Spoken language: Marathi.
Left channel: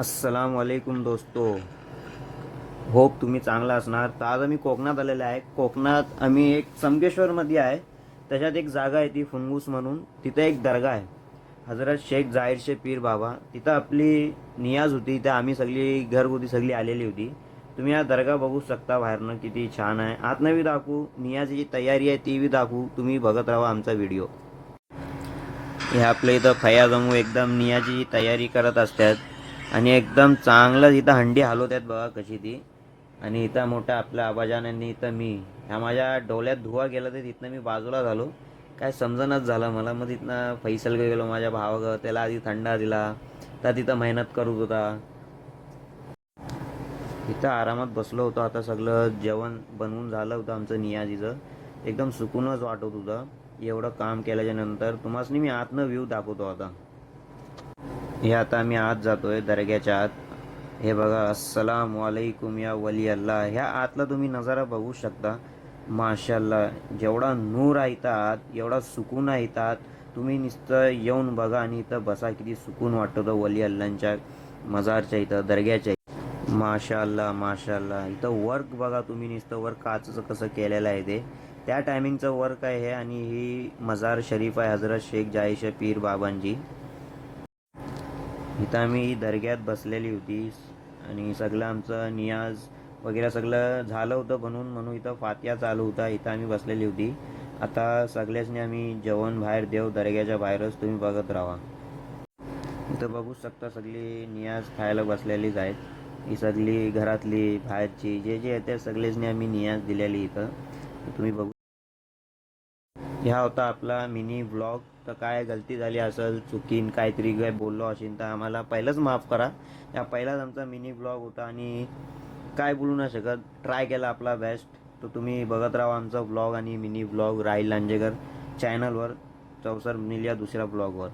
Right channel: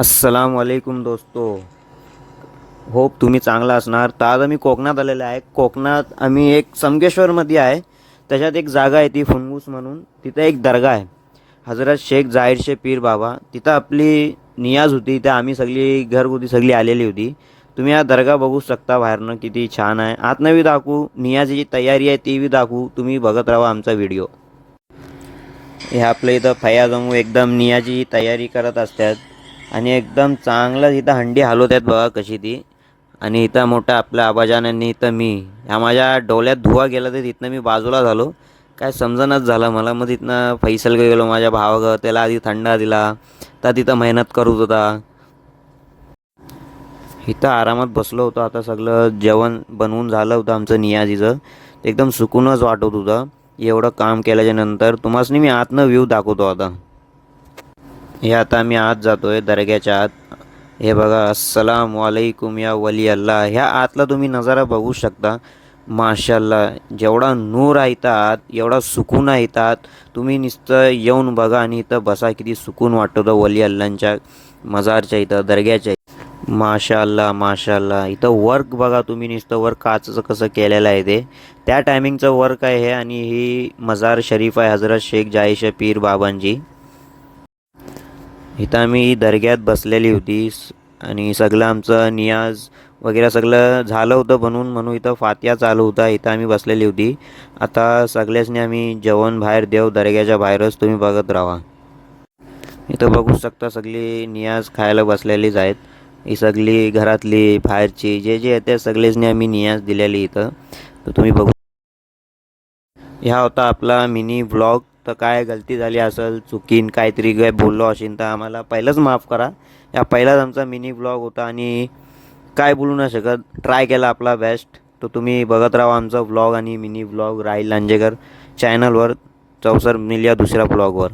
अस्सलाम वालेकुम दोस्तो. होप तुम्ही चांगला असणार. तर आज आम्ही कोकणात आलेलो आहे. कोकणात आम्ही एक संगमेश्वरमध्ये आहे. त्याच्यात एक जागा आहे ती फुंगूस म्हणून. तिथे एक दर्गा आहे, हजरत शेख जाहीर पीर बाबा. तिथं आपली नियाज होती. त्या आम्ही सगळी घरगुती सगळी आलेली होती. तुम्ही हा दर्गा बघू शकता बाहेरनं, किती छान आहे. आतनं बी दाखवू, नियाजीची तयारी आहे ती बी दाखवू. तुम्ही बघत राहा आमचा व्हिडिओ. हे आपल्या इथं फयाजमू एकदम नियाची तयारी करत असतात आणि एकदम चांगलं इथं हंडी हलवतात बघा कशी ती. आणि इथं मोठं आपल्या आबाजानांनी इथं मी ह्या माझ्या डोळ्यात धुवा गेला तर तिथनं मी बाजूला झालो. काय समजणच झालं मला. मग तिथनं फैसल गेलो माझ्या भावागं, त्याला आधी थंडा दिला. तर तिथं मेहनत करत होता. इथं आरामात बसलो होतो. आता सगळं जेवण बनवून झालं होतं आमचं नियाजीचं. एकदम सुकूनच वाटत होतं. एवढं काम केल्याच्या नंतर तुम्हाला मी आतनं व्ह्यू दाखवतो आता. हे आता आम्ही आत जातोय दर्ग्याच्या आत. हे बघा, अस्सलाम वालेकुम या वली अल्लाह. ह्या आतला तुम्ही नजारा बघू शकता. माशाल्लाह, जेवढा नूर आहे इथं आत, एवढा सुकून आहे इथं आत. तुम्ही नुसतं येऊन बघा आणि इथं बसा, किती सुकून वाटतं वली अल्लांच्या मजारच्या इथं दर्ग्याच्या. माशाल्लाह माशाल्लाह. इथं वर्क बघा तुम्ही, नुसतं वर्क काचचं कसं केलेलं आहे ते. त्या टायमिंगचं वर्क आहे हे. आणि ही मजार शरीफ आहे हजरत शेख जाहीर पीर बाबांची. इथं आम्ही दर्ग्यात बसलेली होती आणि सगळं आमचं नियाज वगैरे सगळं झालं होतं बनवून. म्हणून इथं फातिया चालू होता. इथं आम्ही बसलेली होती. आता सगळ्यासनी आम्ही जेवण बाहेर देऊ दर्ग्याच्या बाहेरच. तुम्ही बघत राहा. इथं बघू शकता सगळी नियाज खायला बसलेलीच आहेत. ही सगळी घरातली बाहेरची जे जे आहेत त्या सगळेचनी आम्ही नियाज दिलेली इथं. तर तुम्ही बघू. ह्या होता आपला मिनी व्लॉग. तर काय गलती झाली असेल, चुकीन काहीतरी काय बोललो असेल तर आम्हाला पहिलंच माफ करा. या पहिलाच आमचा मिनी व्लॉग होता आणि काय बोलू नाही शकत. ट्राय केला आपला बेस्ट. तर तुम्ही बघत राहा आमचा व्लॉग आणि मिनी व्लॉग राहील लांजेकर चॅनलवर. चौसर मिळूया दुसऱ्या व्लॉगवर.